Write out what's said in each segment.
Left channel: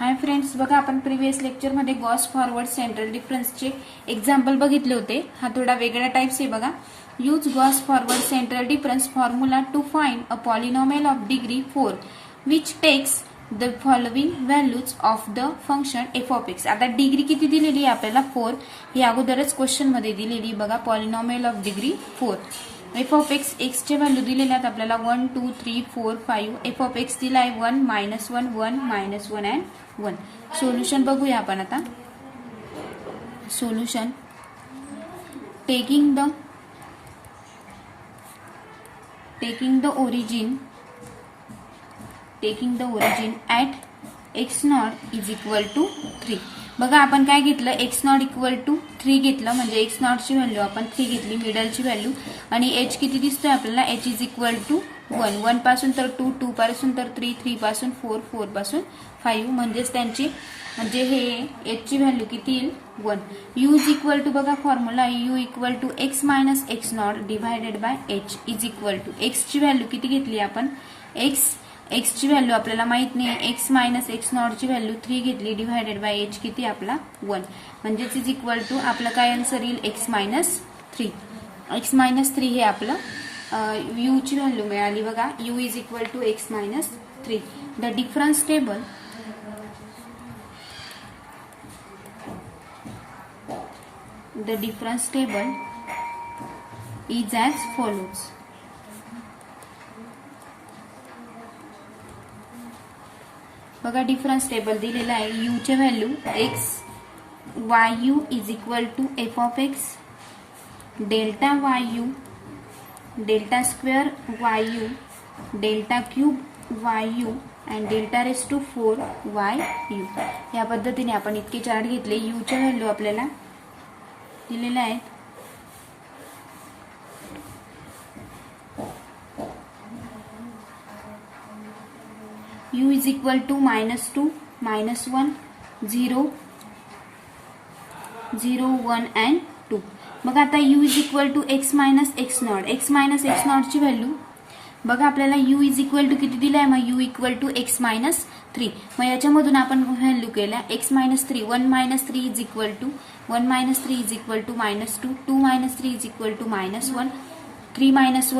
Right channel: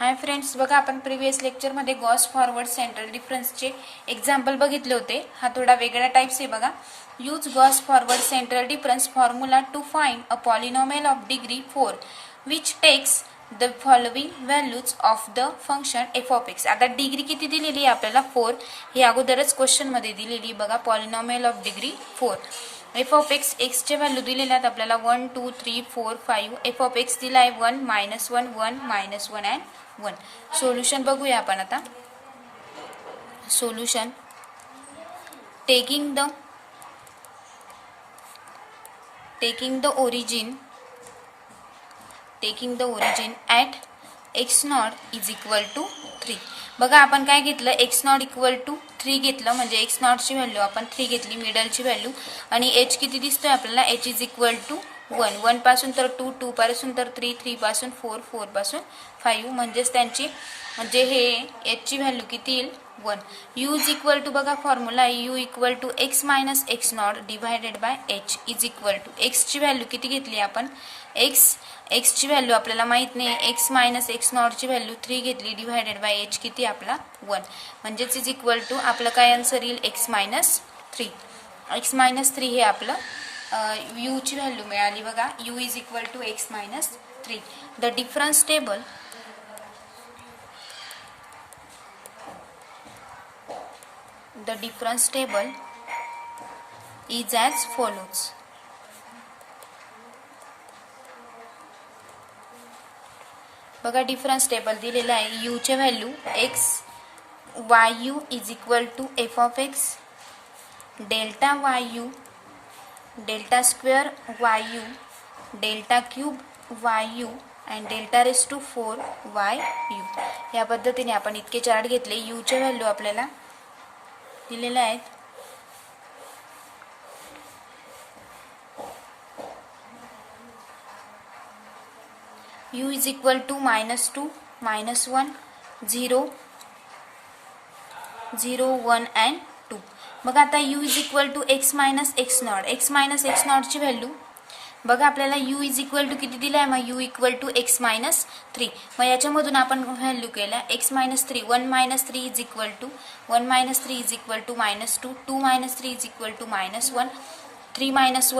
Hi friends, बघा आपण previous लेक्चरमध्ये गॉस फॉरवर्ड सेंट्रल डिफरन्सचे एक्झाम्पल बघितले होते. हा थोडा वेगळा टाइप्स आहे बघा. Use Gauss forward central difference formula to find a polynomial of degree 4 which takes the following values of the function f of x. आता डिग्री किती दिलेली आहे आपल्याला 4, ही अगोदरच क्वेश्चन मध्ये दिलेली बघा. Polynomial of degree 4. F of x, एक्सचे व्हॅल्यू दिलेले आहेत आपल्याला 1 2 3 4 5. एफ ऑफ एक्स दिला आहे 1 -1 1 -1 अँड 1. सोल्युशन बघूया आपण आता. Solution taking the origin at x not is equal to 3. बघा आपण काय घेतलं, एक्स नॉट इक्वल टू 3 घेतलं, म्हणजे एक्स नॉटची व्हॅल्यू आपण 3 घेतली, मिडलची व्हॅल्यू. आणि एच किती दिसतोय आपल्याला, एच इज इक्वल टू 1. 1 पासून तर 2, 2 पासून तर 3, 3 पासून 4, 4 पासून 5. म्हणजेच त्यांची म्हणजे हे एचची व्हॅल्यू किती येईल, 1. यू इज इक्वल टू, बघा formula u equal to x minus x not divided by h is equal to. एक्सची व्हॅल्यू किती घेतली आपण, एक्सची व्हॅल्यू आपल्याला माहित नाही, एक्स मायनस एक्स नॉटची व्हॅल्यू 3 घेतली, डिवायडेड बाय एच किती आपला 1. म्हणजेच इज इक्वल टू आपलं काय आन्सर येईल, एक्स मायनस 3. एक्स मायनस 3 हे आपलं यू ची व्हॅल्यू मिळाली बघा. U is equal to x minus 3. The difference table is as follows. बघा डिफरन्स टेबल दिलेला आहे. यू चे value x y u is equal to f of x delta y u delta square y u delta cube y u and delta raise to 4 y u. या पद्धतीने आपण इतके chart घेतले. You चे value आपल्याला दिलेले आहेत. u is equal to -2 -1 0 0 1 and 2. बघा आता u is equal to x minus x naught. X minus x नॉटची व्हॅल्यू बघा आपल्याला u इज इक्वल टू किती दिला आहे, मग u equal to x minus 3. मग याच्यामधून आपण व्हॅल्यू केला x minus 3. 1 minus 3 is equal to -2 2 minus 3 is equal to -1 3 minus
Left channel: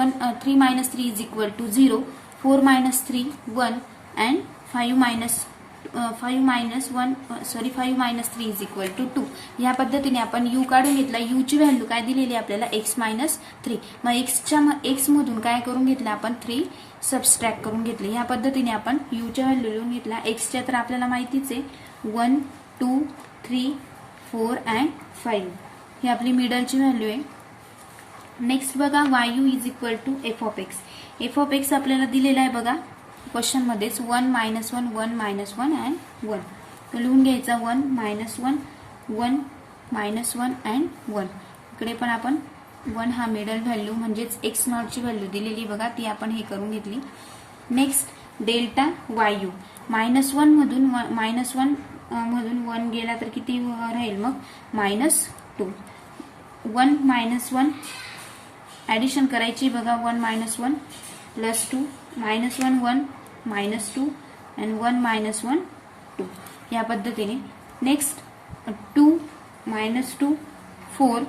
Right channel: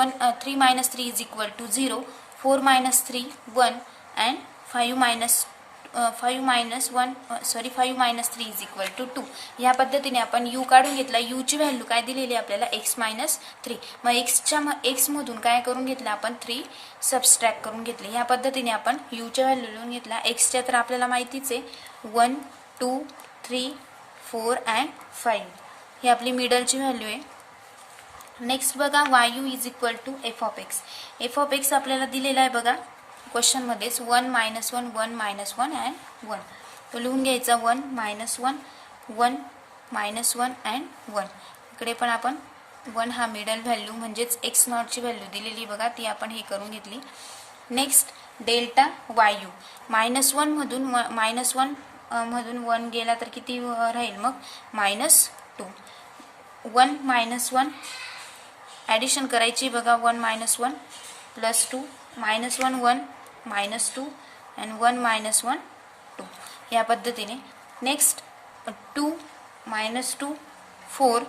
3 is equal to 0 4 minus 3 1 and 5 minus 3 is equal to 2. या पद्धतीने आपण यू काढून घेतला. यू ची व्हॅल्यू काय दिलेली आपल्याला, एक्स मायनस 3. मग एक्स मधून काय करून घेतलं आपण, 3 सबस्ट्रॅक्ट करून घेतले. या पद्धतीने आपण यू च्या व्हॅल्यू लिहून घेतला. एक्सच्या तर आपल्याला माहितीच आहे 1 2 3 4 अँड 5. ही आपली मिडलची व्हॅल्यू आहे. नेक्स्ट बघा y u is equal to f of x. F of x आपल्याला दिलेला आहे बघा क्वेश्चन मध्येच 1 -1 1 -1 अँड 1. तो लिहून घ्यायचा 1 -1 1 -1 अँड 1. इकडे पण आपण 1 हा मिडल व्हॅल्यू म्हणजेच एक्स नॉटची व्हॅल्यू दिलेली बघा, ती आपण हे करून घेतली. नेक्स्ट डेल्टा वाय यू -1 मधून 1 गेला तर किती राहील मग, -2. 1 -1 ॲडिशन करायची बघा. 1 -1 प्लस 2 -1 1 -2 अँड 1 -1 2. या पद्धतीने. Next 2 -2 4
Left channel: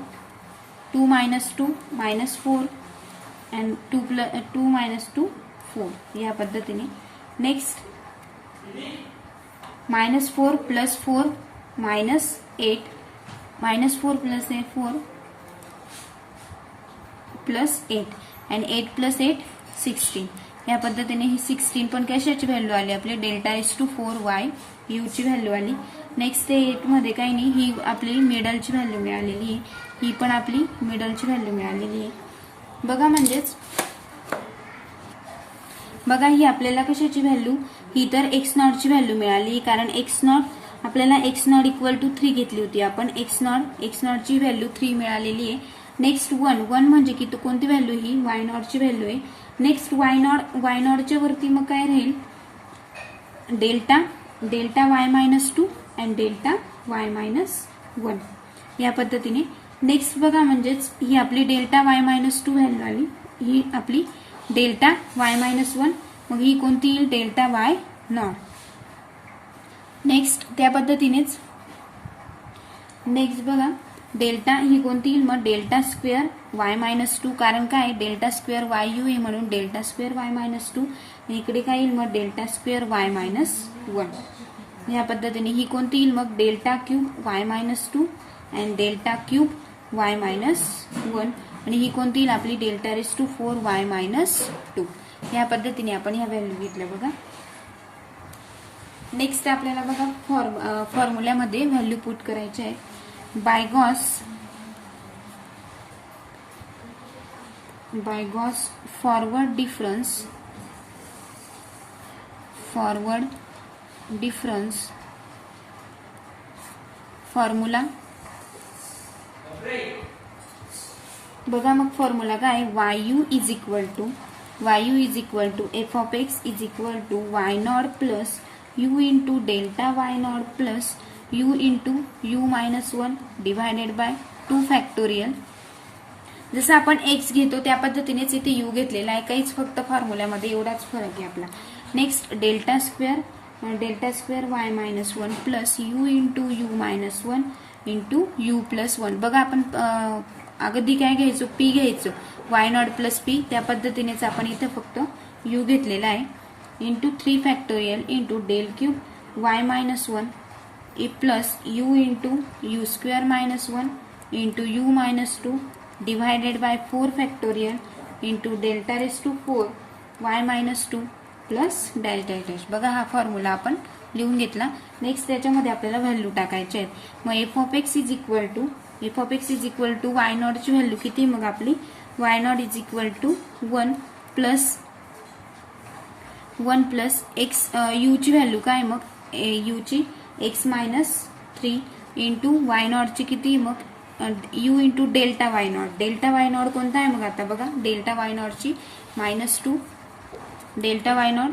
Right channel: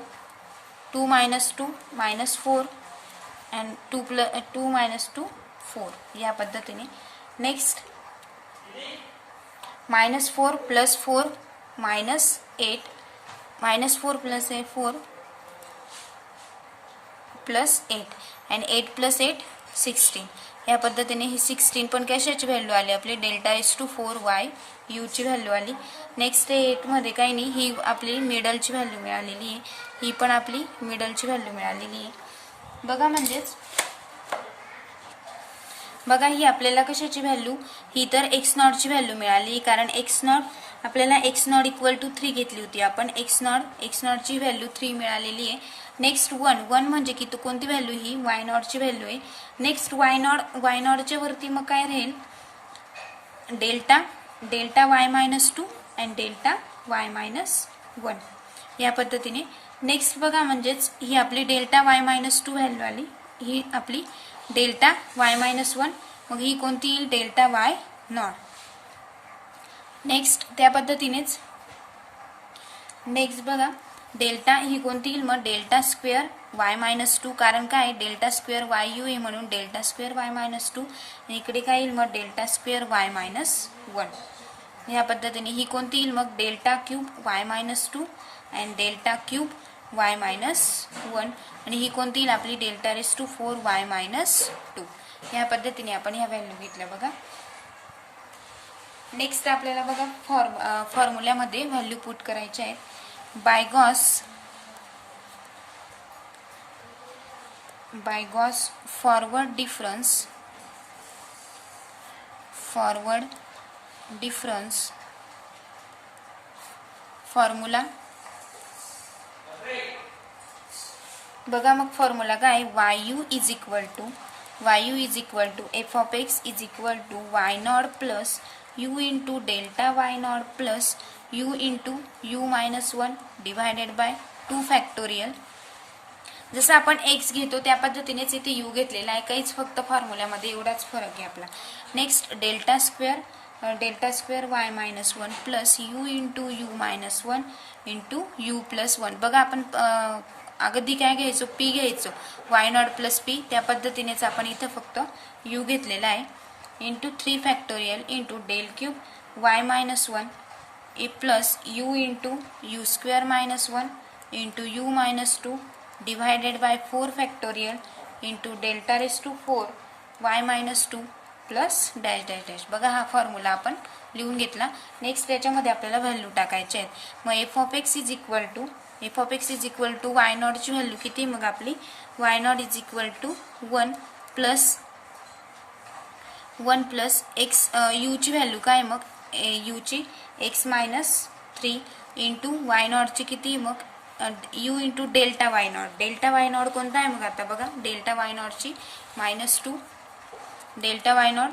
2 -2 -4 and 2 -2 4. या पद्धतीने. Next -4 plus 4 -8 -4 plus 4 plus 8 and 8 plus 8 16. या पद्धतीने ही 16 पण कशाची व्हॅल्यू आली आपली, delta raise to 4 y u ची व्हॅल्यू आली. नेक्स्ट 8 मध्ये काही नाही, ही आपली मिडलची व्हॅल्यू मिळालेली आहे. ही पण आपली मिडलची व्हॅल्यू मिळालेली आहे बघा. म्हणजेच बघा ही आपल्याला कशाची व्हॅल्यू, ही तर एक्स नॉटची व्हॅल्यू मिळाली, कारण एक्स नॉट आपल्याला एक्स नॉट इक्वल टू 3 घेतली होती आपण. एक्स नॉटची व्हॅल्यू 3 मिळालेली आहे. नेक्स्ट 1 म्हणजे की कोणती व्हॅल्यू, ही वाय नॉटची व्हॅल्यू आहे. नेक्स्ट वाय नॉटच्या वरती मग काय राहील, delta y -2 and delta y -1. या पद्धतीने. नेक्स्ट बघा म्हणजेच ही आपली डेल्टा वाय -2 व्हॅल्यू आली, ही आपली डेल्टा वाय -1. मग ही कोणती येईल, डेल्टा वाय नॉट. नेक्स्ट त्या पद्धतीनेच नेक्स्ट बघा डेल्टा ही कोणती येईल मग डेल्टा स्क्वेअर वाय मायनस 2, कारण काय डेल्टा स्क्वेअर वाय यू आहे म्हणून डेल्टा स्क्वेअर वाय मायनस 2, आणि इकडे काय येईल मग डेल्टा स्क्वेअर वाय मायनस 1. या पद्धतीने ही कोणती येईल मग delta cube y minus 2 and delta cube y minus 1, आणि ही कोणती येईल आपली delta raise to 4 y minus 2. या पद्धतीने आपण ह्या व्हॅल्यू घेतल्या बघा. नेक्स्ट आपल्याला बघा फॉर्म्युल्यामध्ये व्हॅल्यू पुट करायचे आहेत. By Gauss forward difference formula बघा. मग फॉर्म्युला काय y u is equal to f of x is equal to y not plus u into delta y not plus u into u minus 1 divided by 2 factorial. जसं आपण x घेतो त्या पद्धतीनेच इथे you घेतलेला आहे, काहीच फक्त फॉर्म्युल्यामध्ये एवढाच फरक आहे आपला. Next delta square Y minus 1 plus u into u minus 1 into you plus 1. बघा आपण अगदी काय घ्यायचो पी घ्यायचो वाय नॉट प्लस पी, त्या पद्धतीनेच आपण इथे फक्त यू घेतलेला आहे into 3 factorial into del cube y minus 1 plus u into u square minus 1 into u minus 2 divided by 4 factorial into delta raise to 4 y minus 2 plus delta dash. बघा हा formula आपण लिहून घेतला. नेक्स्ट त्याच्यामध्ये आपल्याला value टाकायचे आहेत. मग F of x is equal to y नॉटची व्हॅल्यू किती मग आपली y naught is equal to 1 plus x यूची व्हॅल्यू काय मग यूची एक्स मायनस 3 इंटू वाय नॉटची किती मग u into delta y naught कोणता आहे मग आता बघा डेल्टा वाय नॉटची -2 डेल्टा वाय नॉट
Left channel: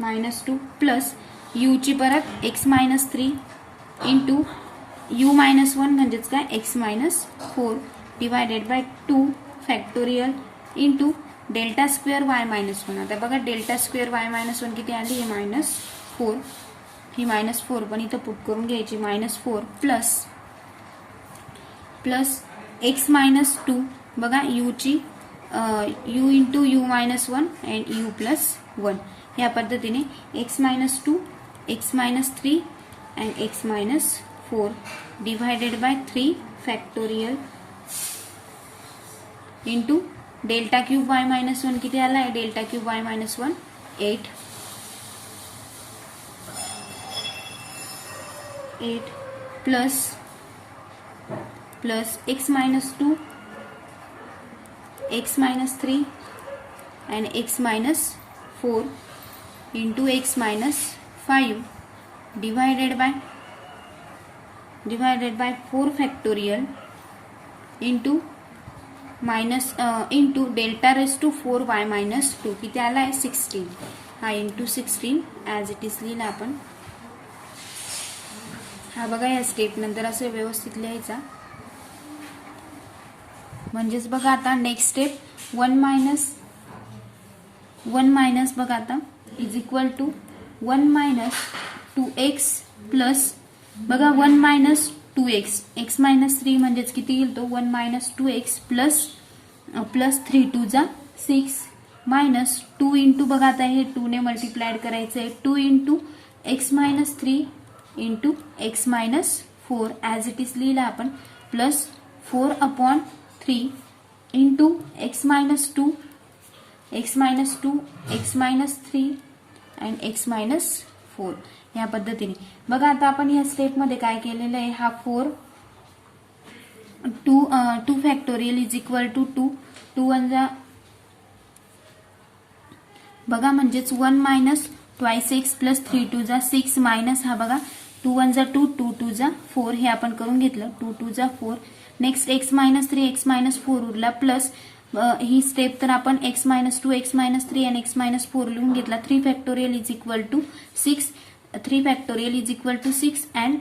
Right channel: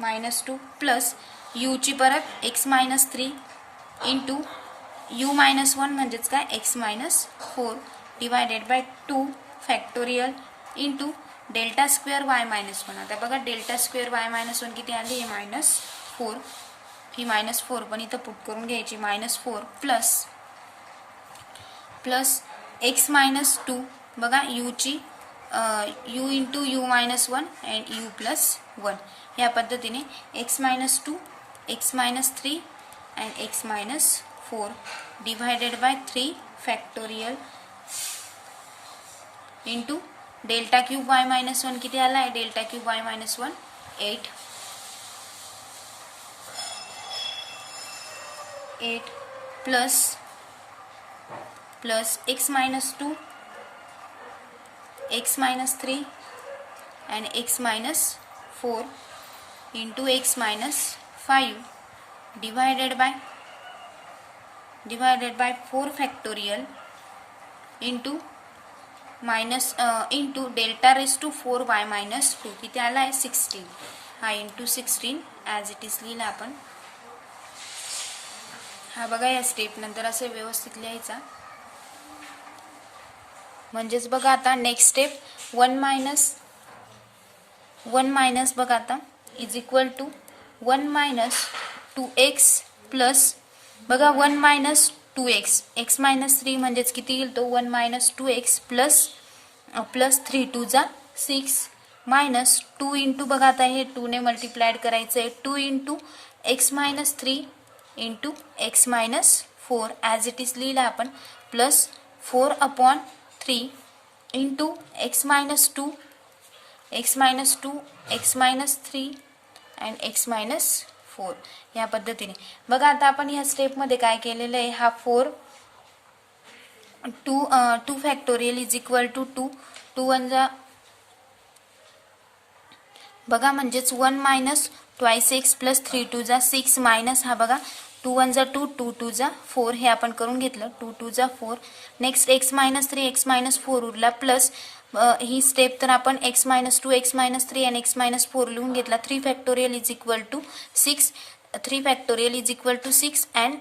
-2 प्लस यूची परत x minus 3 into u minus 1 म्हणजेच काय x minus 4 divided by 2 factorial into delta square Y minus 1. आता बघा डेल्टा स्क्वेअर वाय मायनस 1 किती आली -4, ही -4 पण इथं पुट करून घ्यायची -4 प्लस एक्स मायनस 2 बघा यूची u into u minus 1 and u plus 1. या पद्धतीने x minus 2 x minus 3 and x minus 4 divided by 3 factorial into delta cube y minus 1 किती आला आहे delta cube y minus 1 8 plus x minus 2 x minus 3 and x minus 4 into x minus 5 divided by 4 factorial into delta raise to 4 y minus 2 किती आला आहे 16. हा into 16 as it is लिहिला आपण. हा बघा या स्टेप नंतर असं व्यवस्थित लिहायचा. म्हणजेच बघा आता नेक्स्ट स्टेप 1 मायनस बघा आता is equal to 1 minus 2x plus बघा 1 मायनस 2x एक्स मायनस 3 म्हणजेच किती येईल तो 1 मायनस 2x प्लस 3 2 जा 6 मायनस 2 इंटू बघा आता हे 2 ने मल्टिप्लाइड करायचं आहे 2 into x minus 3 into x minus 4 as it is लिहिला आपण plus 4/3 into x minus 2 x minus 3 and x minus 4. या पद्धतीने बघा आता आपण ह्या स्टेपमध्ये काय केलेलं आहे हा 2 फॅक्टोरियल इज इक्वल टू 2 1 जा बघा म्हणजेच 1 मायनस ट्वाइस एक्स प्लस 3 2 जा 6 मायनस हा बघा 2 1 जा 2 2 2 जा 4 हे आपण करून घेतलं 2 2 जा 4. Next x minus 3 x minus 4 उरला प्लस ही स्टेप तर आपण एक्स मायनस 2 एक्स मायनस 3 आणि एक्स मायनस 4 लिहून घेतला 3 factorial is equal to 6 3 factorial is equal to 6 and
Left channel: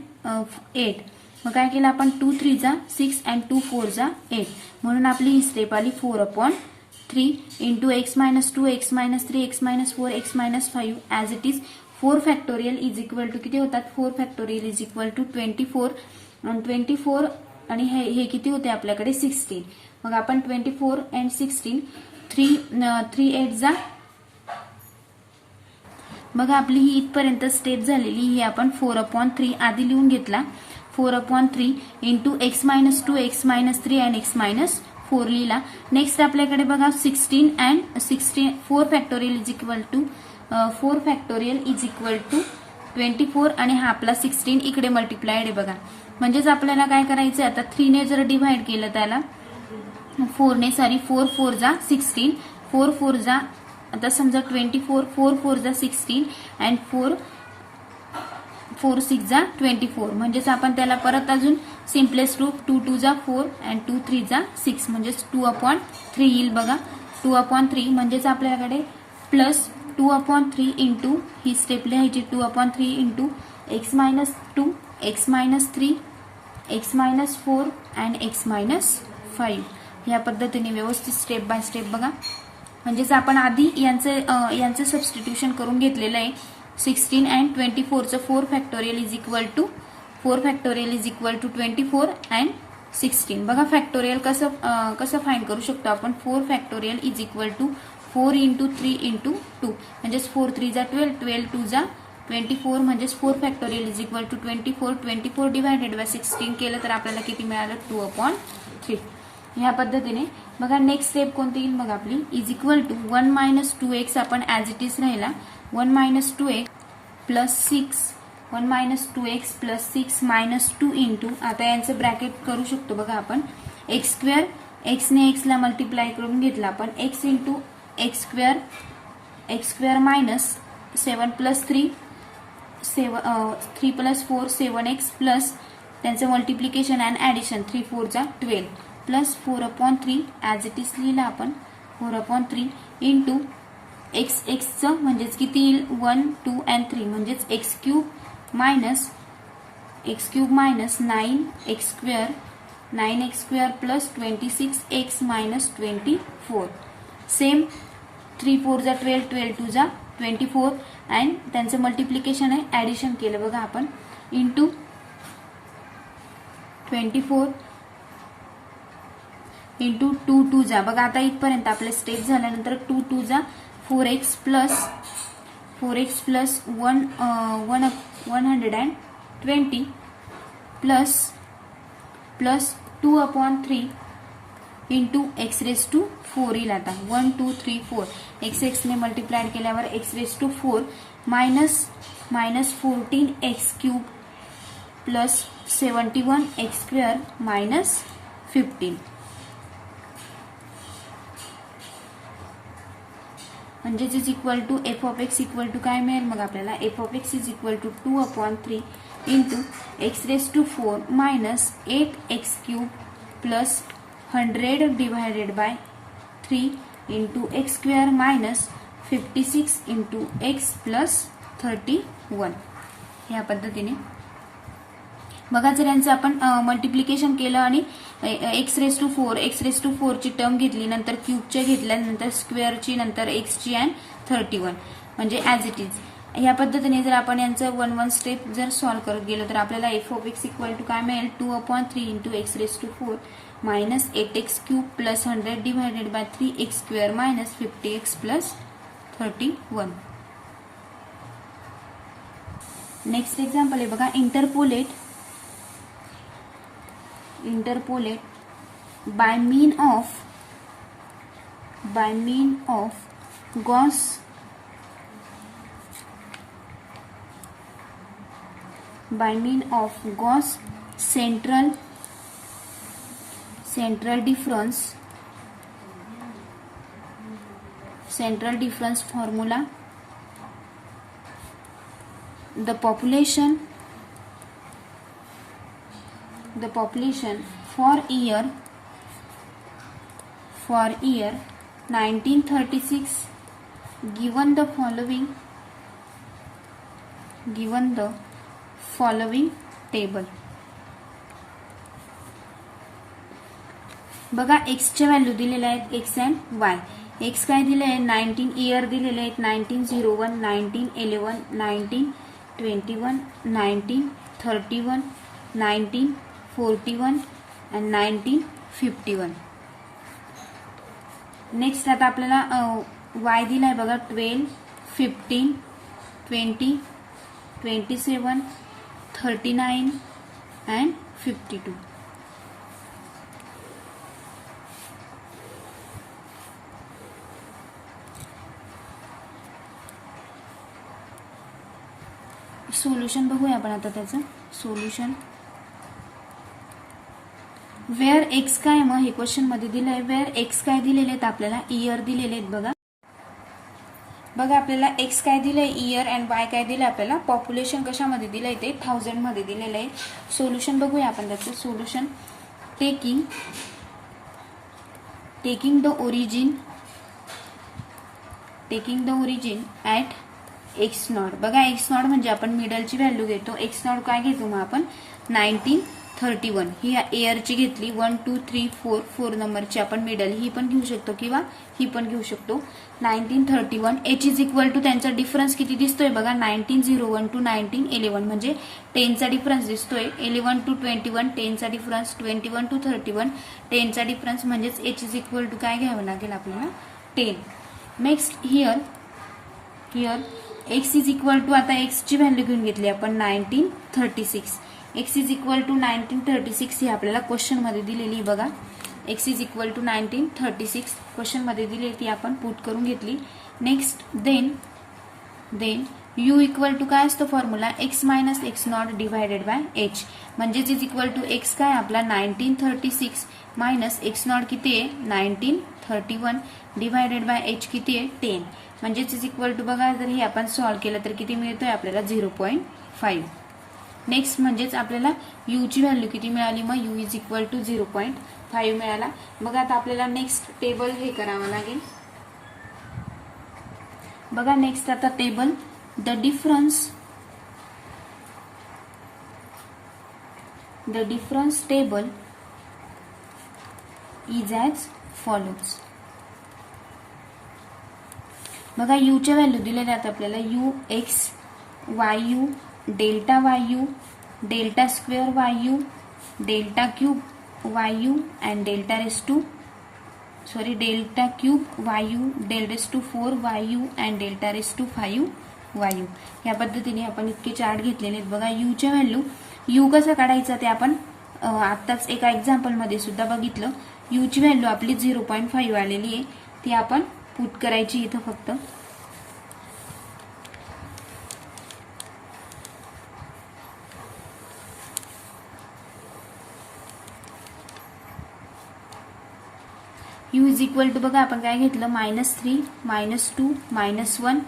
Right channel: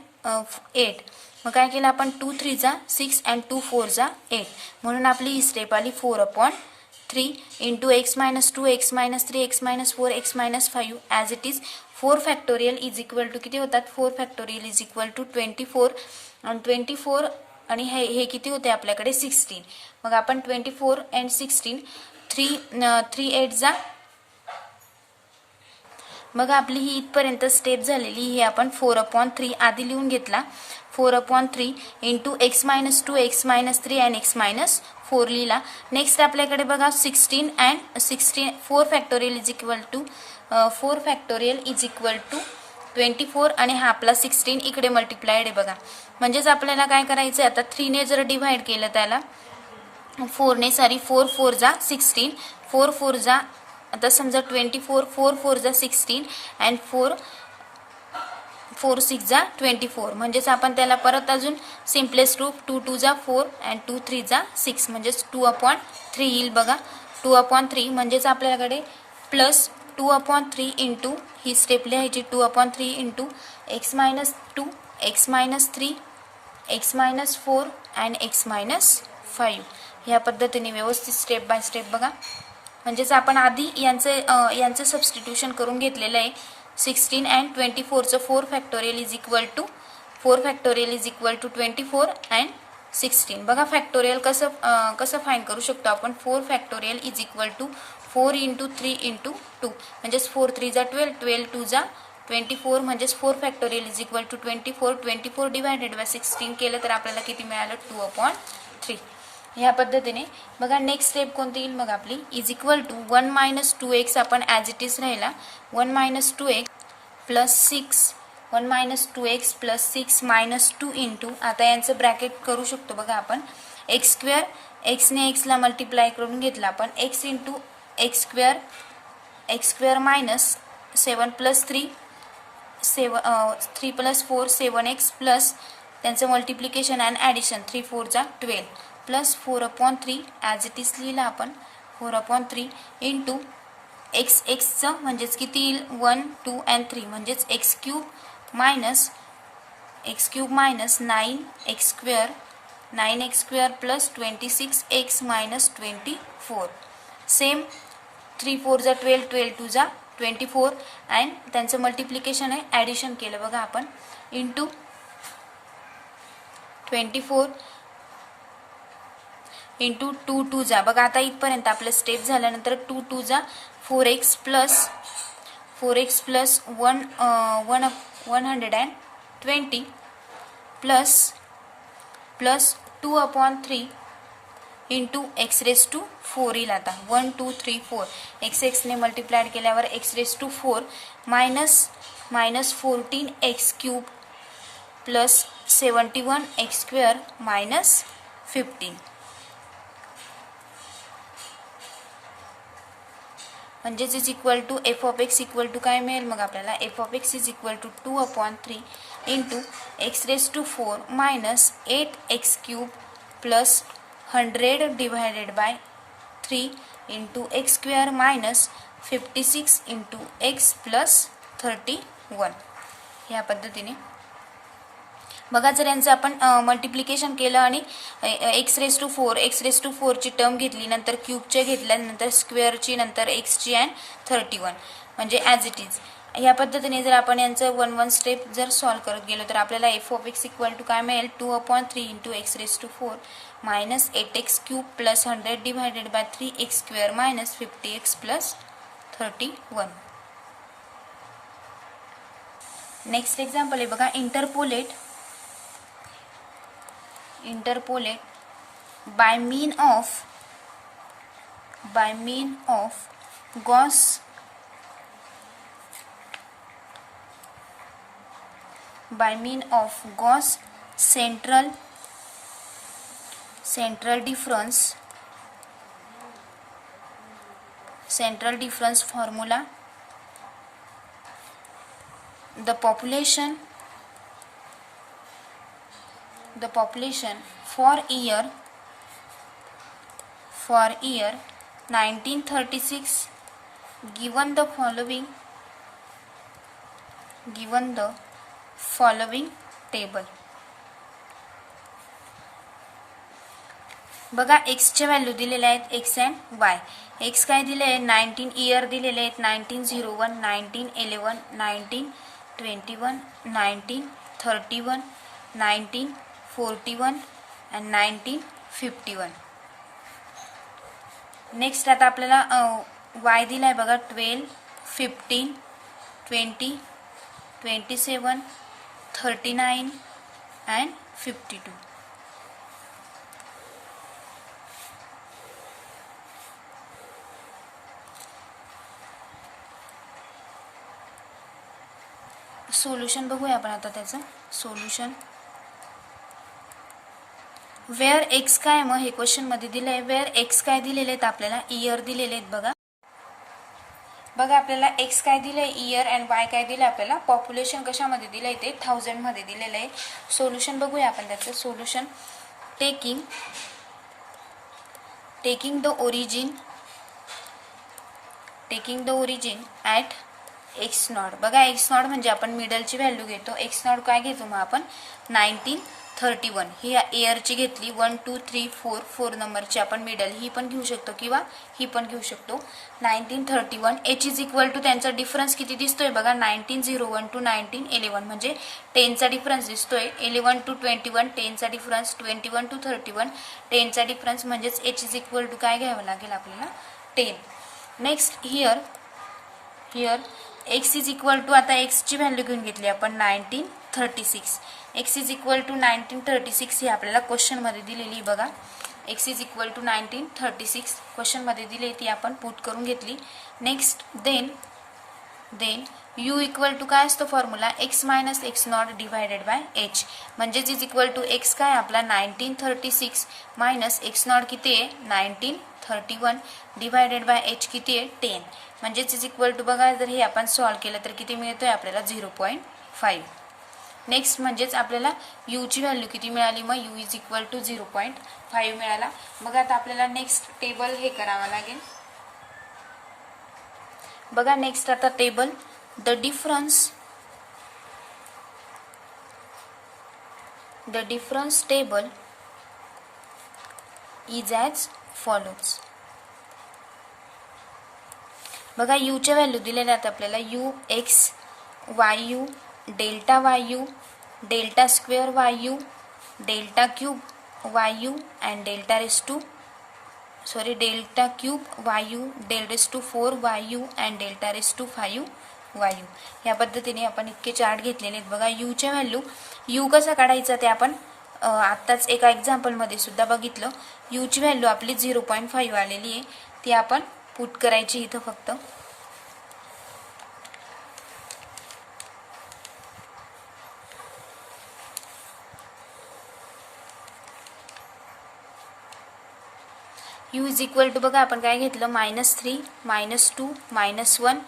8. मग काय केलं आपण 2 3 जा 6 अँड 2 4 जा 8 म्हणून आपली ही स्टेप आली 4/3 into x minus 2 x minus 3 x minus 4 x minus 5 as it is 4 factorial is equal to किती होतात, 4 फॅक्टोरियल इज इक्वल टू 24 आणि 24 आणि हे किती होते आपल्याकडे 16. मग आपण 24 and 16 3 8 जा. बघा आपली ही इथपर्यंत स्टेप झालेली. ही आपण 4/3 आधी लिहून घेतला. 4/3 into x minus 2 x minus 3 आणि x मायनस 4 लिहिला. नेक्स्ट आपल्याकडे बघा 16 and 16 4 factorial is equal to 4 factorial is equal to 24 आणि हा आपला 16 इकडे मल्टिप्लाइड आहे बघा. म्हणजेच आपल्याला काय करायचं आता 3 ने जर डिव्हाइड केलं त्याला 4 ने 4 4 जा 16 4 4 जा आता समजा 24 4 4 जा 16 अँड 4 4 6 जा 24. म्हणजेच आपण त्याला परत अजून सिम्पलेस्ट रूप 2 2 जा 4 अँड 2 3 जा 6 म्हणजेच 2/3 येईल बघा. 2/3 म्हणजेच आपल्याकडे प्लस 2/3 इंटू ही स्टेप लिहायची 2/3 into x minus 2 x minus 3 x minus 4 and x minus 5. या पद्धतीने व्यवस्थित स्टेप बाय स्टेप बघा. म्हणजेच आपण आधी यांचं सबस्टिट्यूशन करून घेतलेलं आहे. 16 अँड 24चं 4 factorial is equal to 4 factorial is equal to 24 and 16. बघा फॅक्टोरियल कसं फाइंड करू शकतो आपण. 4 factorial is equal to 4 into 3 into 2 म्हणजेच 4 3 जा 12 12 2 जा 24 म्हणजेच 4 factorial is equal to 24 divided by 16 केलं तर आपल्याला किती मिळालं 2/3. ह्या पद्धतीने बघा. नेक्स्ट स्टेप कोणती येईल मग आपली is equal to 1 minus 2x आपण ॲज इट इज राहिला 1 minus 2x plus 6 1 minus 2x plus 6 minus 2 into आता यांचं ब्रॅकेट करू शकतो बघा आपण एक्स स्क्वेअर एक्सने एक्सला मल्टिप्लाय करून घेतला आपण x into x square minus 7 plus 3 3 plus 4 7x plus त्यांचं मल्टिप्लिकेशन अँड ॲडिशन 3 4 जा 12 प्लस 4/3 ॲज इट इज लिहिला आपण 4/3 इंटू एक्स एक्सचं म्हणजेच किती येईल 1 2 अँड 3 म्हणजेच x cube minus 9x square plus 26x minus 24 same 3 4 जा 12 12 2 जा 24 अँड त्यांचं मल्टिप्लिकेशन आहे ॲडिशन केलं बघा आपण इंटू 24 इंटू 2 2 जा बघा. आता इथपर्यंत आपले स्टेप झाल्यानंतर 2 2 जा 4x plus 120 plus 2/3 into x raise to 4 येईल. आता 1 2 3 4 एक्सने मल्टिप्लाइड केल्यावर x raise to 4 minus 14x cube plus 71x square minus 15 म्हणजेच is equal to f of x equal to काय मिळेल मग आपल्याला f of x is equal to 2/3 into x raise to 4 minus 8x cube plus 100 divided by 3 into x square minus 56 into x plus 31. ह्या पद्धतीने बघा. जर यांचं आपण मल्टिप्लिकेशन केलं आणि एक्स रेस टू 4 ची टर्म घेतली नंतर क्यूबच्या घेतल्या नंतर स्क्वेअरची नंतर एक्सची अँड 31 म्हणजे ॲज इट इज. ह्या पद्धतीने जर आपण यांचं 1 1 स्टेप जर सॉल्व्ह करत गेलो तर आपल्याला f of x equal to काय मिळेल 2/3 into x raise to 4 minus 8x cube plus 100 divided by 3x square minus 50x plus 31. Next example आहे बघा. Interpolate by mean of Gauss central difference formula the population for year 1936 given the following table. बघा एक्सचे value दिलेले आहेत x and Y. X काय दिले आहे 19 year दिलेले आहेत 1901, 1911, 1921, 1931, 1941 अँड 1951. नेक्स्ट आता आपल्याला वाय दिला आहे बघा 12, 15, 20, 27, 39 अँड 52. सोल्युशन बघूया आपण आता त्याचं सोल्युशन. वेअर एक्स काय मग हे क्वेश्चन मध्ये दिलं आहे. वेअर एक्स काय दिलेले आहेत आपल्याला इयर दिलेले आहेत बघा. बघा आपल्याला एक्स काय दिलंय इयर अँड वाय काय दिलं आपल्याला पॉप्युलेशन कशामध्ये दिलंय ते 1000 मध्ये दिलेलं आहे. सोल्युशन बघूया आपण त्याचं solution. Taking the origin at x not. बघा एक्स नॉट म्हणजे आपण मिडलची व्हॅल्यू घेतो. एक्स नॉट काय घेतो मग आपण 1931 ही इयरची घेतली. 1 2 3 4 4 नंबरची आपण मिडल ही पण घेऊ शकतो किंवा ही पण घेऊ शकतो. 1931 एच इज इक्वल टू त्यांचा डिफरन्स किती दिसतोय बघा 1901 टू 1911 म्हणजे 10चा डिफरन्स दिसतोय. 11 टू 21 10चा डिफरन्स, 21 टू 31 10चा डिफरन्स म्हणजेच एच इज इक्वल टू काय घ्यावं लागेल आपल्याला 10. Next here x is equal to आता एक्सची व्हॅल्यू घेऊन घेतली आपण 1936. एक्स इज इक्वल टू 1936 ही आपल्याला क्वेश्चनमध्ये दिलेली बघा. एक्स इज इक्वल टू 1936 क्वेश्चनमध्ये दिली ती आपण पुट करून घेतली. Next then u equal to काय असतो formula x minus x not divided by h म्हणजेच इज इक्वल टू एक्स काय आपला 1936 मायनस एक्स नॉट किती आहे 1931 डिवायडेड बाय एच किती आहे 10 म्हणजेच इज इक्वल टू बघा जर हे आपण सॉल्व्ह केलं तर किती मिळतोय आपल्याला 0.5. नेक्स्ट म्हणजेच आपल्याला यू ची व्हॅल्यू किती मिळाली मग यू इज इक्वल टू 0.5 मिळाला. मग आता आपल्याला नेक्स्ट टेबल हे करावं लागेल बघा. नेक्स्ट आता table the difference table is as follows. बघा यू च्या व्हॅल्यू दिलेल्या आहेत आपल्याला u x y u delta y u delta square y u delta cube y u and delta cube y u del raise to 4 y u and delta raise to 5 y u. या पद्धतीने आपण इतके chart घेतलेले आहेत बघा. यूच्या value you कसा काढायचा ते आपण आत्ताच एका एक्झाम्पलमध्ये सुद्धा बघितलं. यूची व्हॅल्यू आपली 0.5 आलेली आहे ती आपण पुट करायची इथं फक्त. यू इज इक्वल टू बघा आपण काय घेतलं -3 -2 -1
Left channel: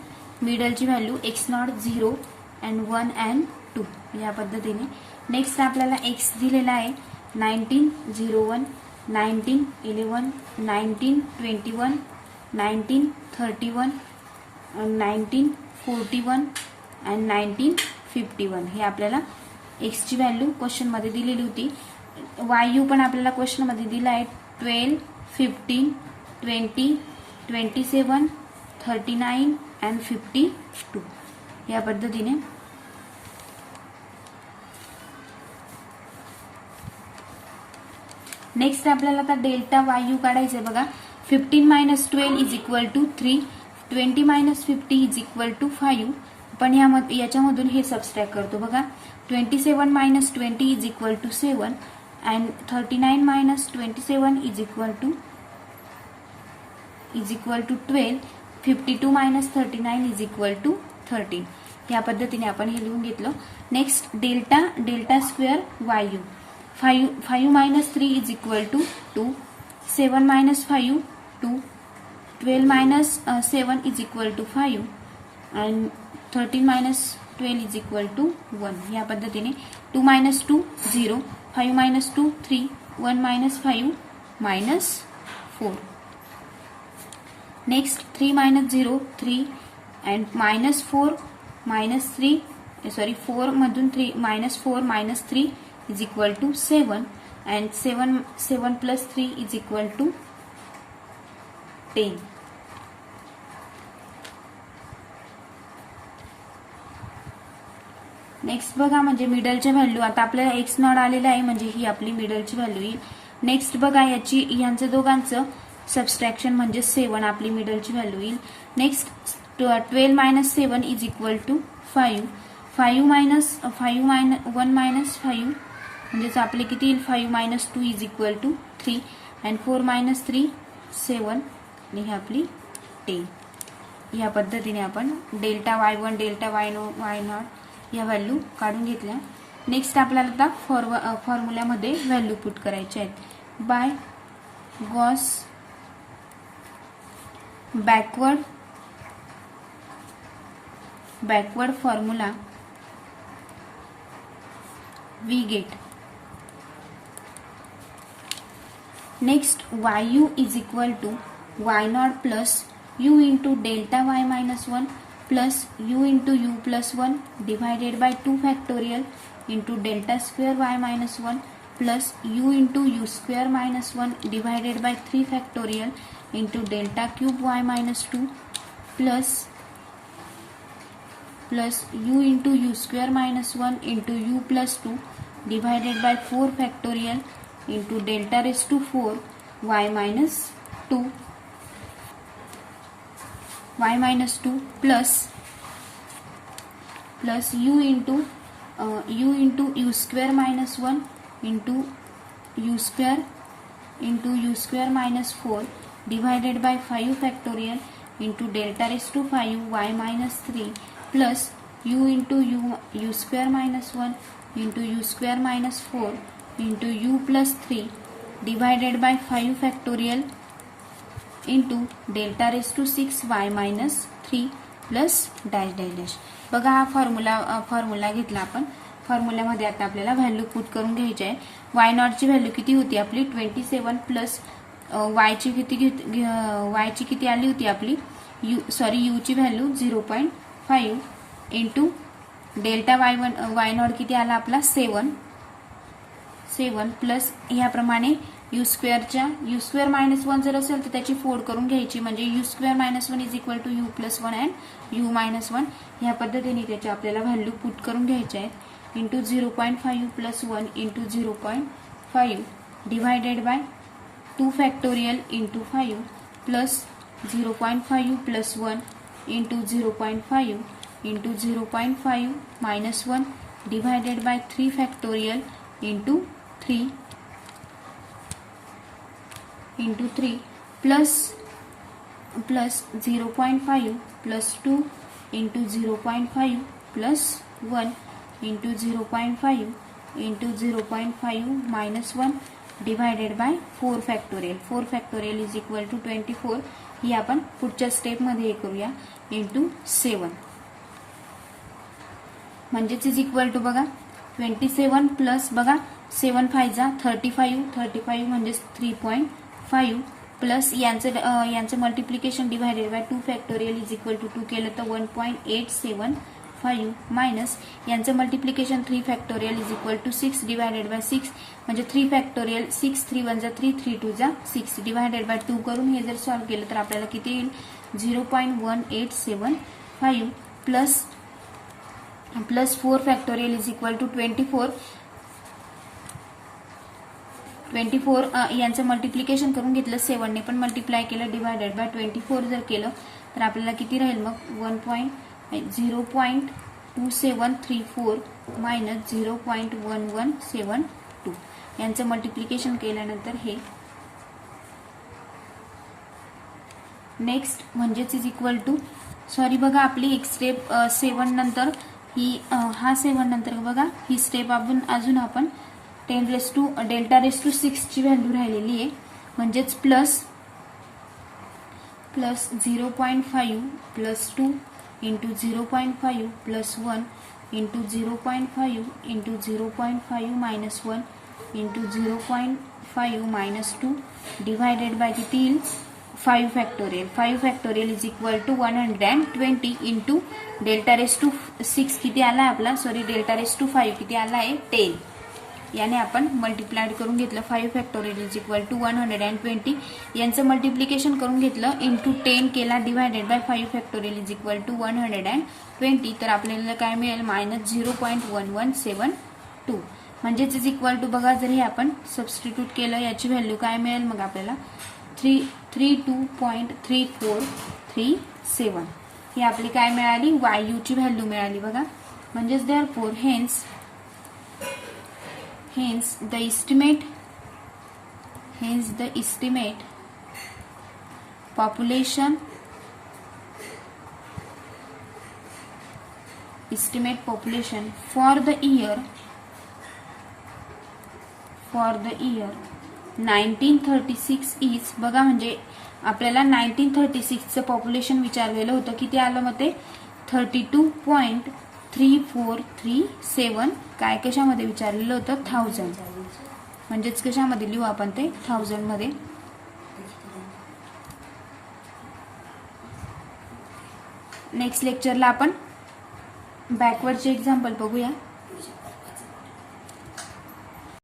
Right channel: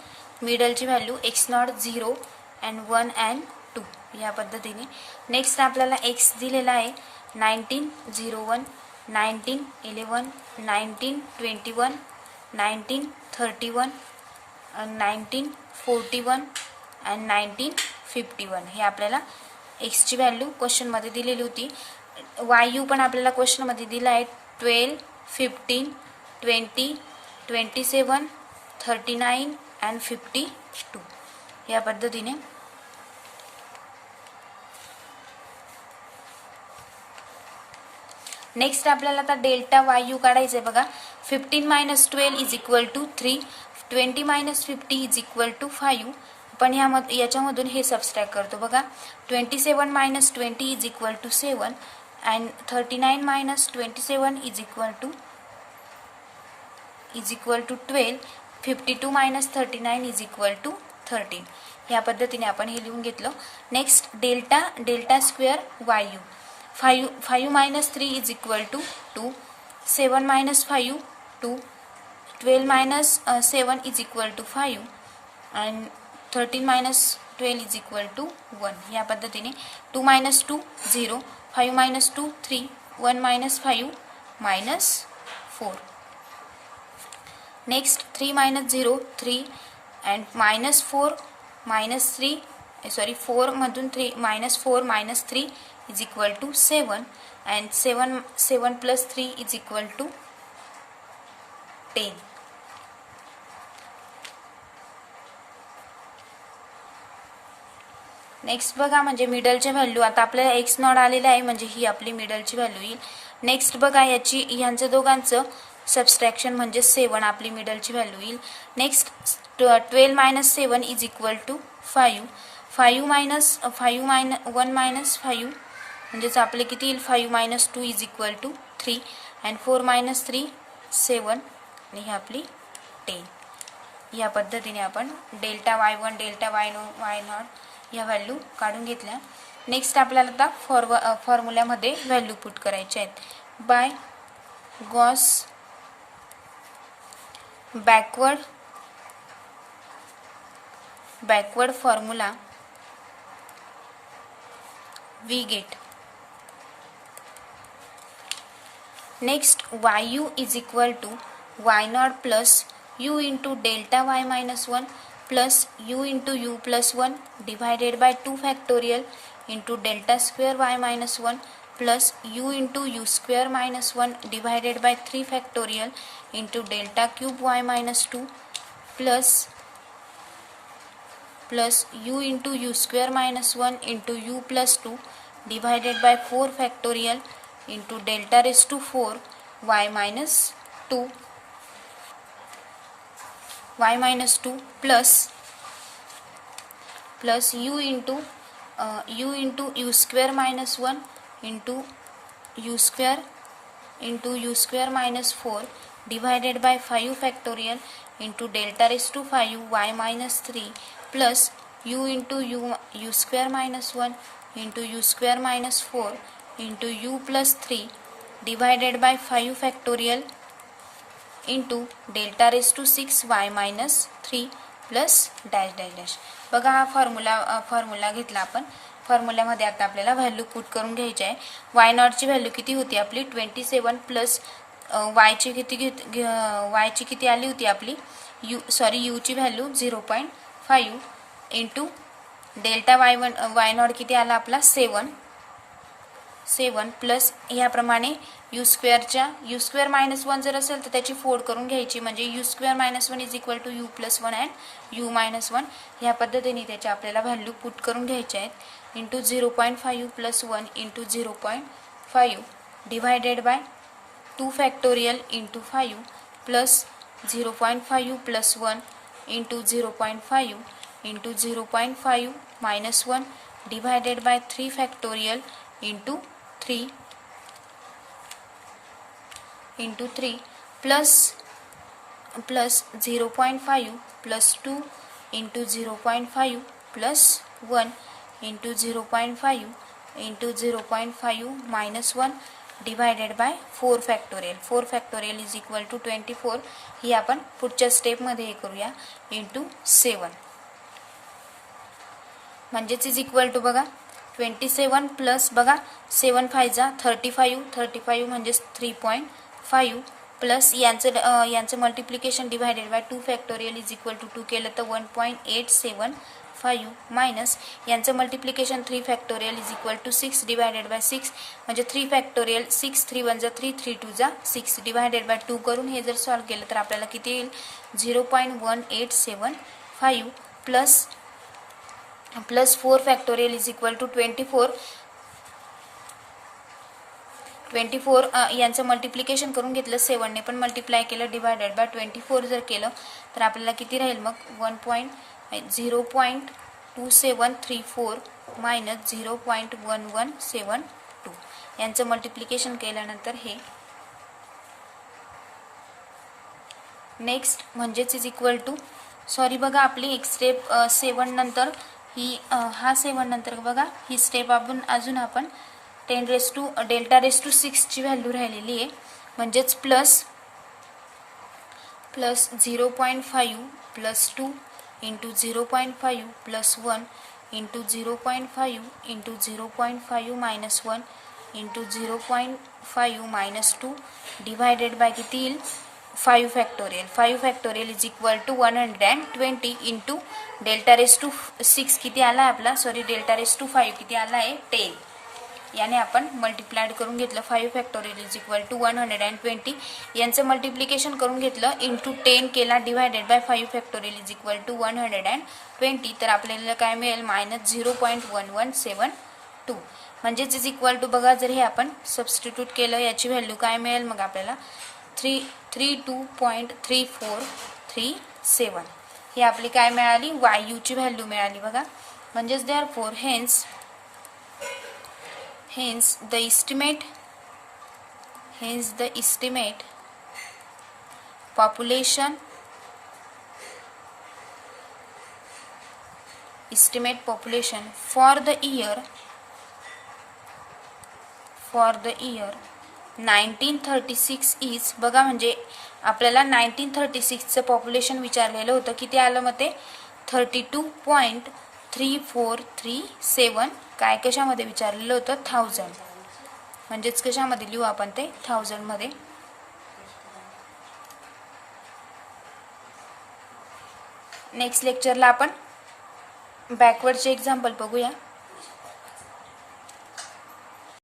मिडलची value x naught 0 and 1 and 2 या पद्धतीने. नेक्स्ट आपल्याला एक्स दिलेला आहे 1901 1911 1921 1931 1941 अँड 1951 हे आपल्याला एक्सची व्हॅल्यू क्वेश्चनमध्ये दिलेली होती. वाय यू पण आपल्याला क्वेश्चनमध्ये दिला आहे 12 15 20 27 39 अँड 52 या पद्धतीने. नेक्स्ट आपल्याला आता डेल्टा वाय यू काढायचं आहे बघा. 15 - 12 is equal to 3 20 - 50 is equal to 5 पण याच्यामधून हे सबस्ट्रॅक्ट करतो बघा. 27 - 20 is equal to 7 and 39 - 27 is equal to 12 52 - 39 is equal to 13 या पद्धतीने आपण हे लिहून घेतलं. Next delta square y u 5 - 3 is equal to 2 7 - 5 2 12 - 7 is equal to 5 and 13 - 12 is equal to 1 या पद्धतीने. 2 - 2 0 5 - 2 3 1 - 5 -4. नेक्स्ट 3 - 0 3 अँड -4 -3 4 मधून 3 -4 - 3 is equal to 7 and 7 plus 3 is equal to 10. Next बघा म्हणजे मिडलच्या व्हॅल्यू आता आपल्याला एक्स नॉट आलेला आहे म्हणजे ही आपली मिडलची व्हॅल्यू येईल. नेक्स्ट बघा यांचं दोघांचं सबस्ट्रॅक्शन म्हणजे 7 आपली मिडलची व्हॅल्यू येईल. Next 12 minus 7 is equal to 5. 1 minus 5 म्हणजेच आपले किती येईल 5 minus 2 is equal to 3 and 4 minus 3 7 आणि ही आपली 10. या पद्धतीने आपण डेल्टा y1 डेल्टा y0 या व्हॅल्यू काढून घेतल्या. नेक्स्ट आपल्याला आता फॉर्म्युल्यामध्ये व्हॅल्यू पुट करायचे आहेत. By Gauss backward formula we get next yu is equal to y0 plus u into delta y minus 1 plus u into u plus 1 divided by 2 factorial into delta square y minus 1 plus u into u square minus 1 divided by 3 factorial into delta cube y minus 2 plus u into u square minus 1 into u plus 2 divided by 4 factorial into delta raised to 4 y minus 2 plus u into u square minus 1 into u square minus 4 divided by 5 factorial into delta raised to 5 y minus 3 plus u into u square minus 1 into u square minus 4 into u plus 3 divided by 5 factorial into delta raised to 6 y minus 3 plus dash dash dash. बघा हा formula घेतला आपण. फॉर्म्युल्यामध्ये आता आपल्याला value put करून घ्यायची आहे. Y नॉटची व्हॅल्यू किती होती आपली 27 प्लस वायची किती आली होती आपली यूची value 0.5 into delta y naught किती आला आपला 7 प्लस ह्याप्रमाणे यू स्क्वेअर मायनस 1 जर असेल तर त्याची फोड करून घ्यायची म्हणजे u square minus 1 is equal to u plus 1 and u minus 1 ह्या पद्धतीने त्याच्या आपल्याला व्हॅल्यू पुट करून घ्यायच्या आहेत. Into 0.5 plus 1 into 0.5 divided by 2 factorial into 5 plus 0.5 plus 1 into 0.5 into 0.5 minus 1 divided by 3 factorial into 3 plus 0.5 plus 2 into 0.5 plus 1 into 0.5 into 0.5 minus 1 divided by 4 factorial is equal to 24. ही आपण पुढच्या स्टेपमध्ये हे करूया into 7 म्हणजेच इज इक्वल टू बघा 27 plus बघा 7 5 जा 35 म्हणजेच 3.5 प्लस यांचं multiplication divided by 2 factorial is equal to 2 केलं तर 1.875 मायनस यांचं multiplication 3 factorial is equal to 6 divided by 6 म्हणजे 3 फॅक्टोरियल 6 3 1 जा 3 3 2 जा 6 डिवायडेड बाय 2 करून हे जर सॉल्व केलं तर आपल्याला किती येईल 0.1875 plus 4 factorial is equal to 24 यांचं मल्टिप्लिकेशन करून घेतलं 7 ने पण मल्टिप्लाय केलं डिवायडेड बाय 24 जर केलं तर आपल्याला किती राहील मग 0.2734 मायनस 0.1172 यांचं मल्टिप्लिकेशन केल्यानंतर हे नेक्स्ट म्हणजेच इज इक्वल टू सॉरी बघा आपली एक स्टेप 7 नंतर ही हा 7 नंतर बघा ही स्टेप अजून आपण 10 raise to delta raise to 6 ची व्हॅल्यू राहिलेली आहे म्हणजेच plus 0.5 plus 2 into 0.5 plus 1 into 0.5 into 0.5 minus 1 into 0.5 minus 2 divided by किती येईल 5 factorial is equal to 120 into delta raise to 6 किती आला आहे आपला डेल्टा रेस टू 5 किती आला आहे 10 याने आपण मल्टिप्लाइड करून घेतलं 5 फॅक्टोरियल इज इक्वल टू 120. यांचं मल्टिप्लिकेशन करून घेतलं इंटू 10 केला divided by 5 factorial is equal to 120. तर आपल्याला काय मिळेल -0.1172. म्हणजेच इज इक्वल टू बघा जर हे आपण सबस्टिट्यूट केलं याची व्हॅल्यू काय मिळेल मग आपल्याला 32.3437. ही आपली काय मिळाली वायूची व्हॅल्यू मिळाली बघा. म्हणजेच therefore hence the estimate population for the year 1936 is बघा. म्हणजे आपल्याला 1936चं पॉप्युलेशन विचारलेलं होतं. किती आलं मग ते 32.3437. काय कशामध्ये विचारलेलं होतं 1000. म्हणजेच कशामध्ये लिहू आपण ते 1000 मध्ये. नेक्स्ट लेक्चरला आपण बॅकवर्डचे एक्झाम्पल बघूया.